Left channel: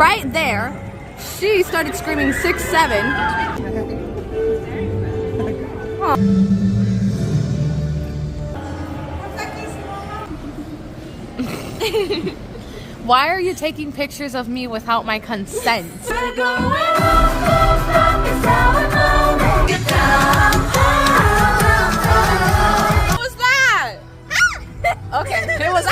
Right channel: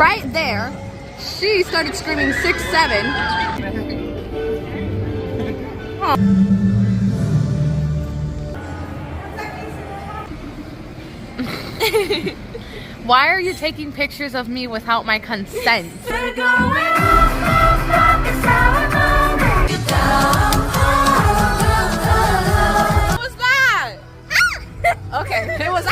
Right there, she started screaming 6'7". Why are you taking pictures of me without my consent? What was that? Okay, it was